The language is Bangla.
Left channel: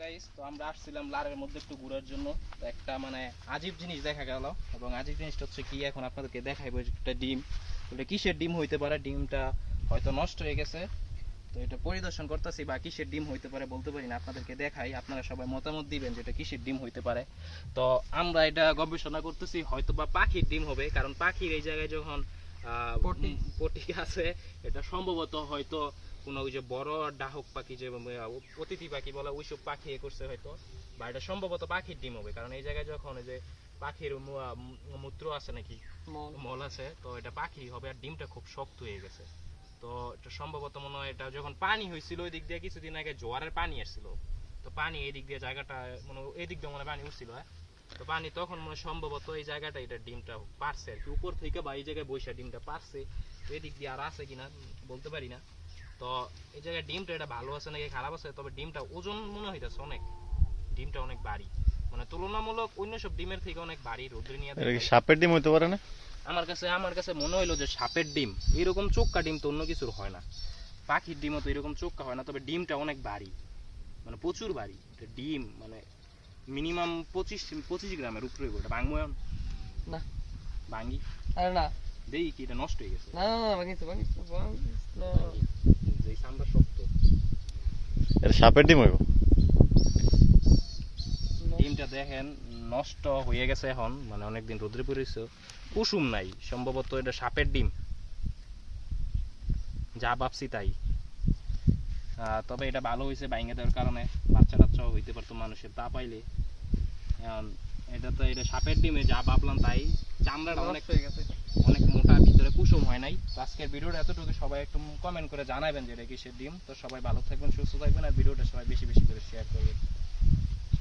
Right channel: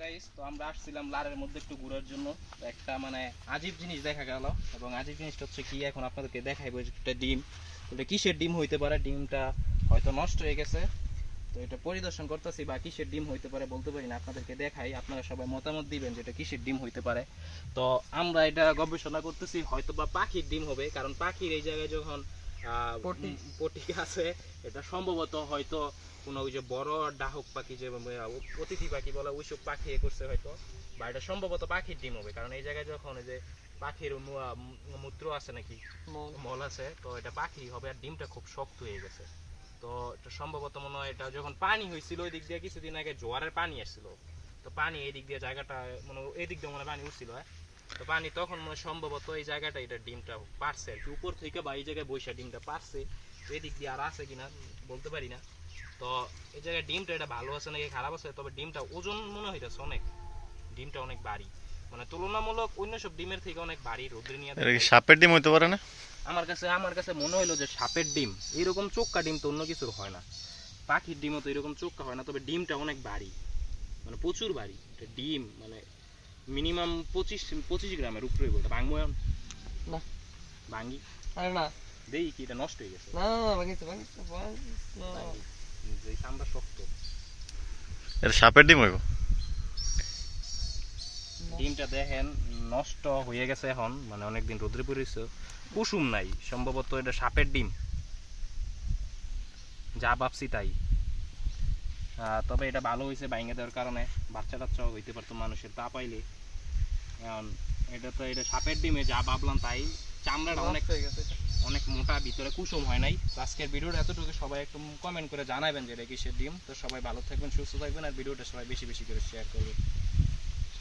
গাইস, তো আমরা আসছিলাম লারের মধ্যে একটু ঘোরার জন্য। একটা মানে আজীব জিনিস দেখা গেল, এবং আজীব জিনিসটা হচ্ছে কি এখন আপনাদেরকে দেখাইবো। একটা ডিম, এটা কিসের ডিম হইতে পারে? ডিমটা হয়তো নষ্ট হয়ে গেছে, তো এটা পরিদর্শন করতেছি, বা কিসের ডিম হইতে পারে বলতে পারি না। আপনাদেরকে দেখাই, আপনারা সবাই মতামত দিবেন যে এটা কিসের ডিম হইতে পারে। তো আমরা এটা গবেষণা করতেছি, হয়তো বা পাখির ডিম হবে, কারণ পাখির এই জায়গায় যখন পটি আছে, এটা সম্ভবত হয়তো কোনো ওই যে বড় ডাহক পাখি, যে অতিথি পাখি বলে, ওইসব পাখি এ করছে হয়তো, বা এটা সম্ভবত পাখির ডিম হবে। কারণ এই জায়গায় যখন ওই যে পাখির মূত্র আছে নাকি মল আছে, তো এটা পাখি হবে। আর ডিমটা খুব শক্ত হয়ে গেছে, তো এটা সম্ভবত মনে হয় এটা যখন পানি হয়েছিল ওই দিক দিয়ে কিছুদিন আগে জোয়ারের পানি আসছিল, তো পানি এই দিক দিয়ে জায়গাটা মানে এই দিক দিয়ে মনে পানি উঠছিল, তো পানি তখন মনে সম্ভবত এই জায়গাটা এটা ডিমটা পারছে আর কি, উপর থেকে বা এই জায়গায় বৈশা ডিমটা পারছে। তো এই দিক দিয়ে আর আছে কিনা বলতে পারি না। তো এই জায়গায় ডিমটা এটা ভালো আছে নাকি খারাপ আছে, তবে ডিমটা ওজন মনে হইতেছে অনেক, ডিমটা অনেক ভারী, মানে তুলনামূলক অন্য সব ডিমের থেকে অনেক ভারী। রোদ্রে নিয়ে সাপের ডিম হইতে পারে না? আমার কাছে মনে হইলো যে সাপের ডিম, এরকম চোক্কা ডিম তো অন্য কিছুর হয় না, পাখির ডিমও তো এরকম চোক্কা হয় না, তবে ডিমটা অনেক ভারী, মানে প্রচুর ভারী। ডিম মানে মিনিমাম 25 গ্রামের উপরে। ওটা ভাঙবো না, ভাঙি আরে না, দেই কি এটা নষ্ট হয়ে গেছে? না না না, ভাঙিস না। যে চামড়া শক্ত, এটা সাপের ডিম হইব। ডিমটা দেখেন নষ্ট হয়ে গেছে এখন, মানে অনেকদিন রোদ্রে পড়েছে, কুসুম নাই, সম্ভবত এটা সাপের ডিম, যা ভাবছি তাই। তবে এটা ভালো হয়েছে ভাঙে দেওয়ার কারণে, বাচ্চা টাচ্চাও হইতে পারতো মানুষের তা পাইলে। এখন এটা তো এটা সাপের ডিমে যা ভাবলাম তাই, চামড়াটা অনেক অনেক মোটা, ভিতরে কুসুম হয় নাই। তো আজকের ভিডিওটা এতটুকু, সবাই একটু কমেন্ট করে জানাবেন যে এটা কিসের ডিম। তো সবাই ভালো থাকবেন, সুস্থ থাকবেন, আর ভিডিওটা সবাই বেশি বেশি করে শেয়ার করবেন।